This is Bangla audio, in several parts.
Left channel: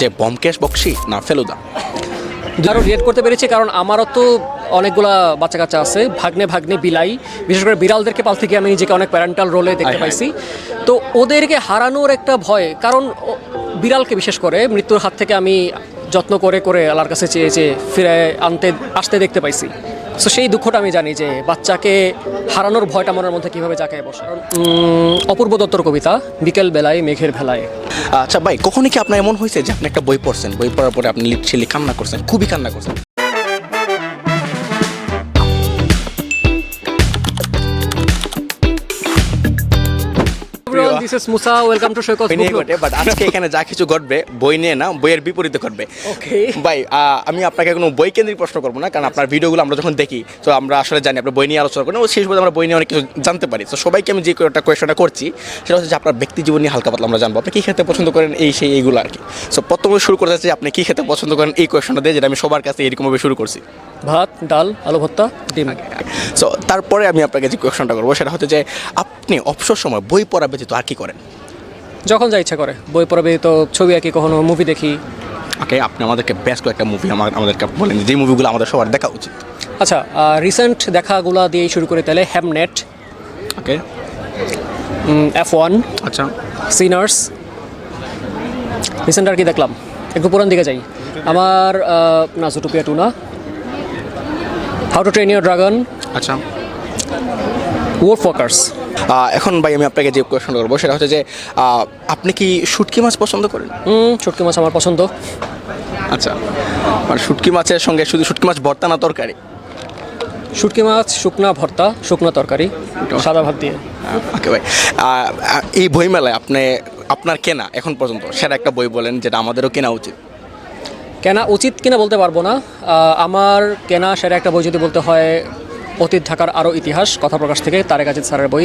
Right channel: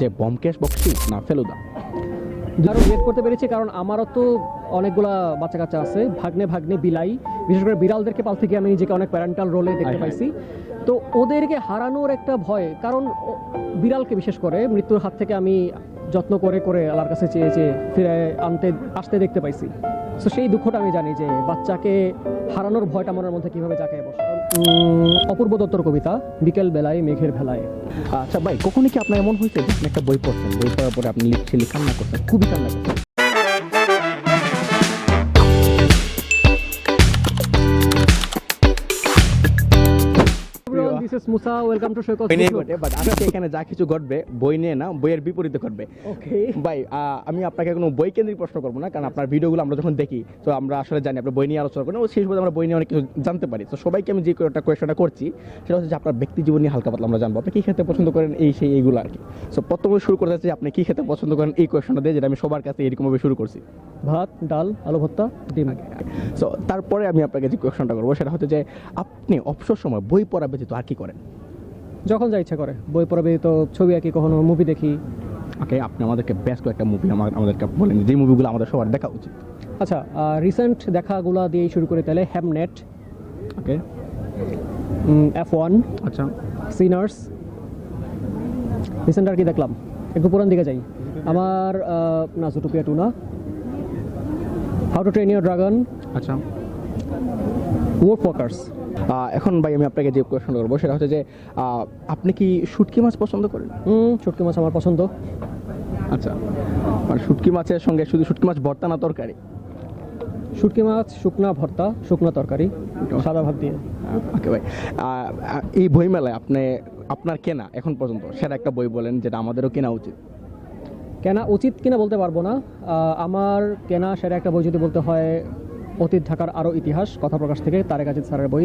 যে ব্যোমকেশ বক্সী না ফেলুদা? আরও রিয়েট করতে পেরেছি কারণ আমারও তো অনেকগুলা বাচ্চা কাচ্চা আছে, ভাগ্নে ভাগ্নে বিলাই, বিশেষ করে বিড়ালদেরকে পালতে গিয়ে আমি নিজেকে অনেক প্যারেন্টাল রোলে দেখতে পাইছি। তো ওদেরকে হারানোর একটা ভয়, কারণ বিড়ালকে বিশেষ করে মৃত্যুর হাত থেকে আমি যত্ন করে করে আল্লাহর কাছে চেয়ে চেয়ে ফিরে আসতে দেখতে পাইছি। সো সেই দুঃখটা আমি জানি যে বাচ্চাকে হারানোর ভয়টা মনের মধ্যে কীভাবে জাঁকায় বসে। অপূর্ব দত্তর কবিতা বিকেল বেলায় মেঘের ভেলায়। আচ্ছা ভাই, কখনই কি আপনার এমন হয়েছে যে আপনি একটা বই পড়ছেন, বই পড়ার পরে আপনি লিটারেলি কান্না করছেন, খুবই কান্না করছেন? This is Musa. Welcome to Shoykos বই নিয়ে Book ঘটে, বাট আজকে এখানে যা কিছু ঘটবে বই নিয়ে না, বইয়ের বিপরীতে ঘটবে। Okay. ভাই আমি আপনাকে কোনো বই কেন্দ্রিক প্রশ্ন করবো না, কারণ আপনার ভিডিওগুলো আমরা যখন দেখি তো আমরা আসলে জানি আপনার বই নিয়ে আলোচনা করেন, ও শেষ পর্যন্ত আমরা বই নিয়ে অনেক কিছু জানতে পারি। তো সবাইকে আমি যে একটা কোয়েশনটা করছি সেটা হচ্ছে যে আপনার ব্যক্তি জীবন নিয়ে হালকা পাতলা আমরা জানবো, আপনি কী খেতে পছন্দ করেন, এই সেই এইগুলো আর কি। সো প্রথমে শুরু করতে চাচ্ছি আপনি কী খেতে পছন্দ করেন এই কোয়েশনটা দিয়ে, যেটা আমি সবার কাছে এরকমভাবে শুরু করছি। ভাত, ডাল, আলু ভর্তা, ডিম। সো তারপরে আমি আপনাকে যে কোয়েশনটা করবো সেটা হচ্ছে যে আপনি অবসর সময় বই পড়া ব্যতীত আর কি করেন? যখন যা ইচ্ছা করে বই পড়াবে, তো ছবি আঁকি, কখনো মুভি দেখি। ওকে, আপনি আমাদেরকে বেশ কয়েকটা মুভি আমাদেরকে বলেন যে মুভিগুলো আমাদের সবার দেখা উচিত। আচ্ছা, রিসেন্ট দেখাগুলো দিয়েই শুরু করে তাহলে হ্যামনেট, ওকে, F1, আচ্ছা, সিনার্স। রিসেন্ট আর কি দেখলাম, একটু পুরান দিকে যাই। আমার না, জুটোপিয়া 2 না, how to train your dragon, আচ্ছা। ওয়ার্ফ ওয়ার্কার্স। এখন ভাই আমি আপনাকে যে কোয়েশন করবো সেটা হচ্ছে যে আপনি কি শুটকি মাছ পছন্দ করেন? শুটকি মাছ আমার পছন্দ। আচ্ছা, মানে শুটকি মাছের সঙ্গে শুধু শুটকি মাছ ভর্তা না তরকারি? শুটকি মাছ শুকনা ভর্তা, শুকনা তরকারি, সাদা ভাত দিয়ে। ওকে ভাই, এই বইমেলায় আপনার কেনা এখন পর্যন্ত সেটা একটা বই বলেন যেটা আমাদেরও কেনা উচিত। কেনা উচিত কিনা বলতে পারবো না, আমার কেনা সেটা একটা বই যদি বলতে হয়, অতীত ঢাকার আরও ইতিহাস, কথা প্রকাশ থেকে তারেক আজিজ স্যারের বই।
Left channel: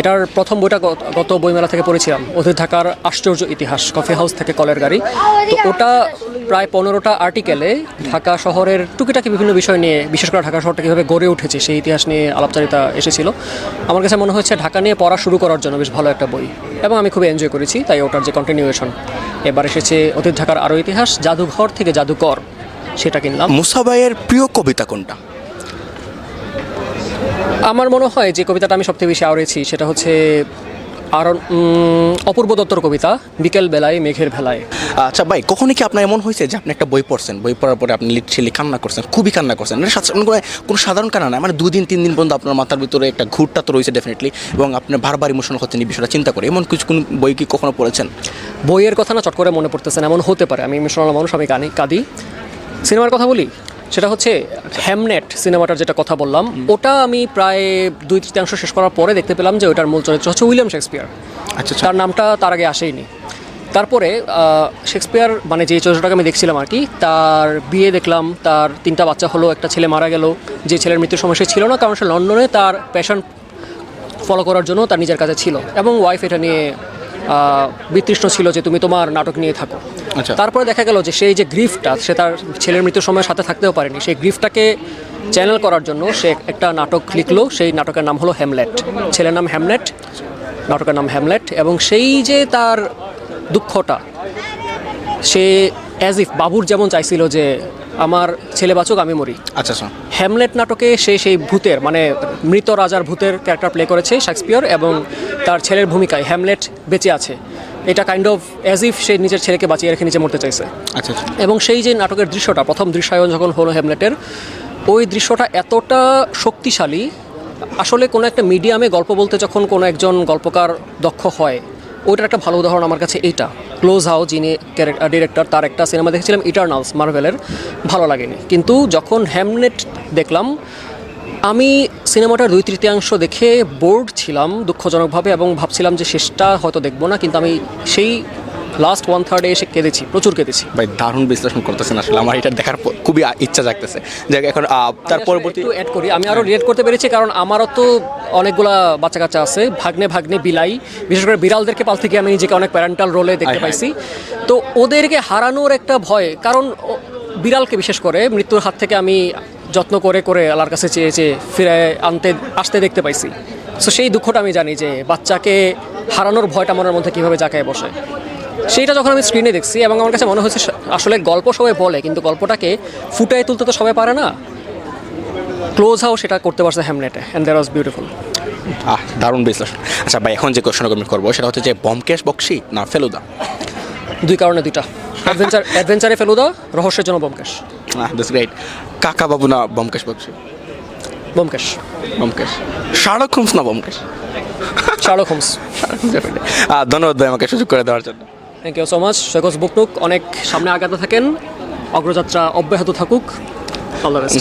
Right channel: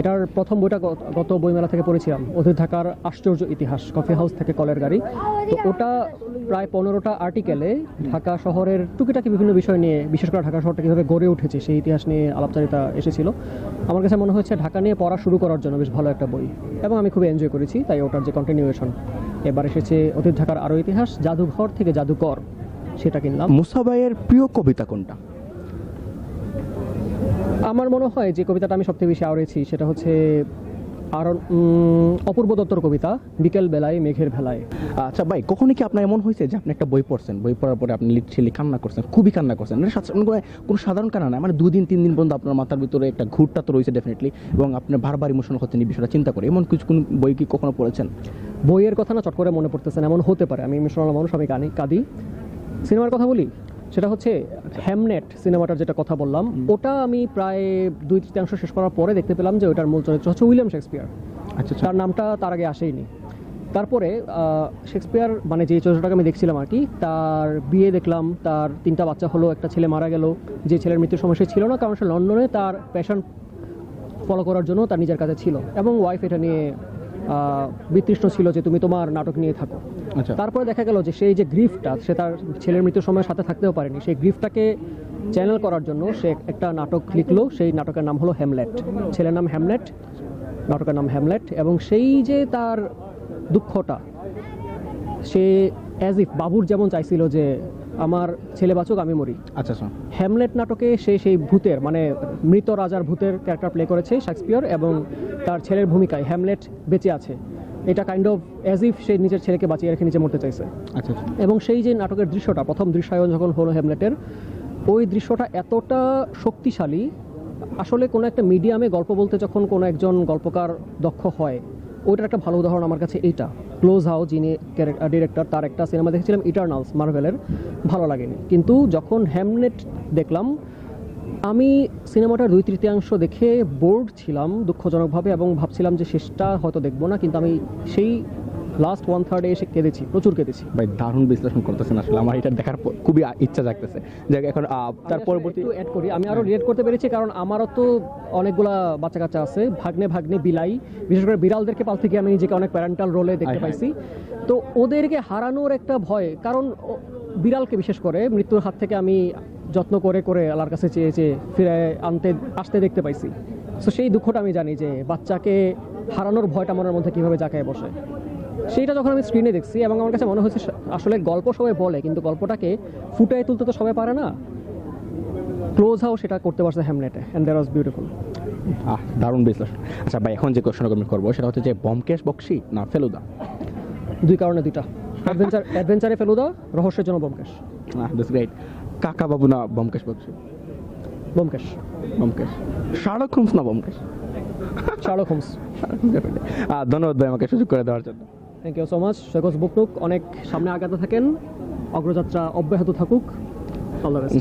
এটার প্রথম বইটা গত বইমেলা থেকে পড়েছিলাম, অতীত ঢাকার আশ্চর্য ইতিহাস, কফি হাউস থেকে কলের গাড়ি। তো ওটা প্রায় 15টা আর্টিকেলে ঢাকা শহরের টুকিটাকি বিভিন্ন বিষয় নিয়ে, বিশেষ করে ঢাকা শহরটা কীভাবে গড়ে উঠেছে সেই ইতিহাস নিয়ে আলাপচারিতা এসেছিল। আমার কাছে মনে হচ্ছে ঢাকা নিয়ে পড়া শুরু করার জন্য বেশ ভালো একটা বই, এবং আমি খুব এনজয় করেছি। তাই ওটার যে কন্টিনিউয়েশন এবার এসেছে, অতীত ঢাকার আরও ইতিহাস, জাদুঘর থেকে জাদুকর, সেটা কিনলাম। মুসা ভাইয়ের প্রিয় কবিতা কোনটা? আমার মনে হয় যে কবিতাটা আমি সবথেকে বেশি আওড়েছি সেটা হচ্ছে অপূর্ব দত্তর কবিতা বিকেল বেলায় মেঘের ভেলায়। আচ্ছা ভাই, কখনই কি আপনার এমন হয়েছে যে আপনি একটা বই পড়ছেন, বই পড়ার পরে আপনি লিটারেলি কান্না করছেন, খুবই কান্না করছেন? কোনো সাধারণ কান্না না, মানে 2 দিন 3 দিন পর্যন্ত আপনার মাথার ভিতরে একটা ঘুরটা তো রয়েছে ডেফিনেটলি, এবং আপনার বারবার ইমোশনাল হচ্ছেন এই বিষয়টা চিন্তা করে। এমন কোন বই কি কখনো পড়েছেন? বইয়ের কথা না চট করে মনে পড়তেছে না, এমন হতে পারে। আমি ইমোশনাল মানুষ, আমি কাঁদি। সিনেমার কথা বলি, সেটা হচ্ছে হ্যামনেট সিনেমাটার যেটা কথা বললাম, ওটা আমি প্রায় 2/3 শেষ করার পরে দেখতে পেলাম যে ওটার মূল চরিত্র হচ্ছে উইলিয়াম শেক্সপিয়ার। আচ্ছা, তার নামটা তার আগে আসেইনি। তারপরে শেক্সপিয়ার মানে যে চরিত্রটাকে আমি দেখছিলাম আর কি, তার বিয়ে দেখলাম, তার 3টা বাচ্চা হলো, একটা ছেলে মারা গেল, যে ছেলের মৃত্যুর সময় সে ছিল না, কারণ সে লন্ডনে তার প্যাশন ফলো করার জন্য তার নিজের কাছে ছিল, এবং ওয়াইফ এটা নিয়ে বিতৃষ্ণ ছিল যে তুমি তোমার নাটক নিয়ে থাকো। আচ্ছা। তারপরে দেখা গেল যে সেই যে গ্রিফটা, সে তার ছেলের মৃত্যুর সময় সাথে থাকতেও পারেনি, সেই গ্রিফটাকে চ্যানেল করার জন্য সে একটা নাটক লিখলো। সেই নাটকের নাম হলো হ্যামলেট, ছেলের নাম হ্যামলেট, নাটকের নাম হ্যামলেট। এবং সেই যে তার দুঃখটা, সে অ্যাজ ইফ বাবুর যেমন চাইছিল যে আমার ছেলে বাঁচুক, আমি মরি। আচ্ছা, হ্যামলেট নাটকে সে সেই ভূতের, মানে মৃত রাজার ভূতের ক্যারেক্টার প্লে করেছে শেক্সপিয়ার, এবং তার ছেলের ভূমিকায় হ্যামলেট বেঁচে আছে। এটা কাইন্ড অফ অ্যাজ ইফ সে নিজের ছেলেকে বাঁচিয়ে রেখে নিজে মরতে চাইছে। আচ্ছা। এবং সেই যে নাটকের দৃশ্যটা, প্রথম দৃশ্যায়ন যখন হলো হ্যামলেটের, ওই দৃশ্যটা এতটা শক্তিশালী। আসলে কোনো একটা মিডিয়ামে গল্প বলতে যখন কোনো একজন গল্পকার দক্ষ হয়, ওইটার একটা ভালো উদাহরণ আমার কাছে এইটা। ক্লোজ হাউস, যিনি ডিরেক্টর, তার একটা সিনেমা দেখেছিলাম ইটারনালস, মার্ভেলের, ভালো লাগেনি। কিন্তু যখন হ্যামলেট দেখলাম, আমি সিনেমাটার 2/3 দেখে বোর্ড ছিলাম দুঃখজনকভাবে, এবং ভাবছিলাম যে শেষটা হয়তো দেখবো না, কিন্তু আমি সেই লাস্ট 1/3 এসে কেঁদেছি, প্রচুর কেঁদেছি। ভাই দারুণ বিশ্লেষণ করতেছেন, আসলে আমার এটা দেখার খুবই ইচ্ছা জাগতেছে। যে এখন তার পরবর্তী একটু অ্যাড করি, আমি আরও রিয়েট করতে পেরেছি কারণ আমারও তো অনেকগুলা বাচ্চা কাচ্চা আছে, ভাগ্নে ভাগ্নে বিলাই, বিশেষ করে বিড়ালদেরকে পালতে গিয়ে আমি নিজেকে অনেক প্যারেন্টাল রোলে দেখতে পাইছি। তো ওদেরকে হারানোর একটা ভয়, কারণ বিড়ালকে বিশেষ করে মৃত্যুর হাত থেকে আমি যত্ন করে করে আল্লাহর কাছে চেয়ে চেয়ে ফিরে আসতে দেখতে পাইছি। সো সেই দুঃখটা আমি জানি যে বাচ্চাকে হারানোর ভয়টা মনের মধ্যে কীভাবে জাঁকায় বসে। সেইটা যখন আমি স্ক্রিনে দেখছি এবং আমার কাছে মনে হচ্ছে আসলে গল্প সবাই বলে কিন্তু গল্পটাকে ফুটায় তুলতে তো সবাই পারে না। ক্লোজ হাউস সেটা করতে পারছে হ্যামলেটে, অ্যান্ড দ্যাট ওয়াজ বিউটিফুল। দারুণ বিশ্লেষণ। আচ্ছা ভাই, এখন যে কোয়েশ্চেনটা আমি করবো সেটা হচ্ছে যে ব্যোমকেশ বক্সী না ফেলুদা? দুই কারণে দুইটা, অ্যাডভেঞ্চারে ফেলুদা, রহস্যের জন্য ব্যোমকেশ। That's great. কাকা বাবু না ব্যোমকেশ বক্সী? ব্যোমকেশ। ব্যোমকেশ। শার্লক হোমস না ব্যোমকেশ? Sherlock Holmes. ধন্যবাদ ভাই আমাকে সুযোগ করে দেওয়ার জন্য। Thank you so much. Saikat বুকনুক অনেক সামনে আগাতে থাকেন, অগ্রযাত্রা অব্যাহত থাকুক। All the best.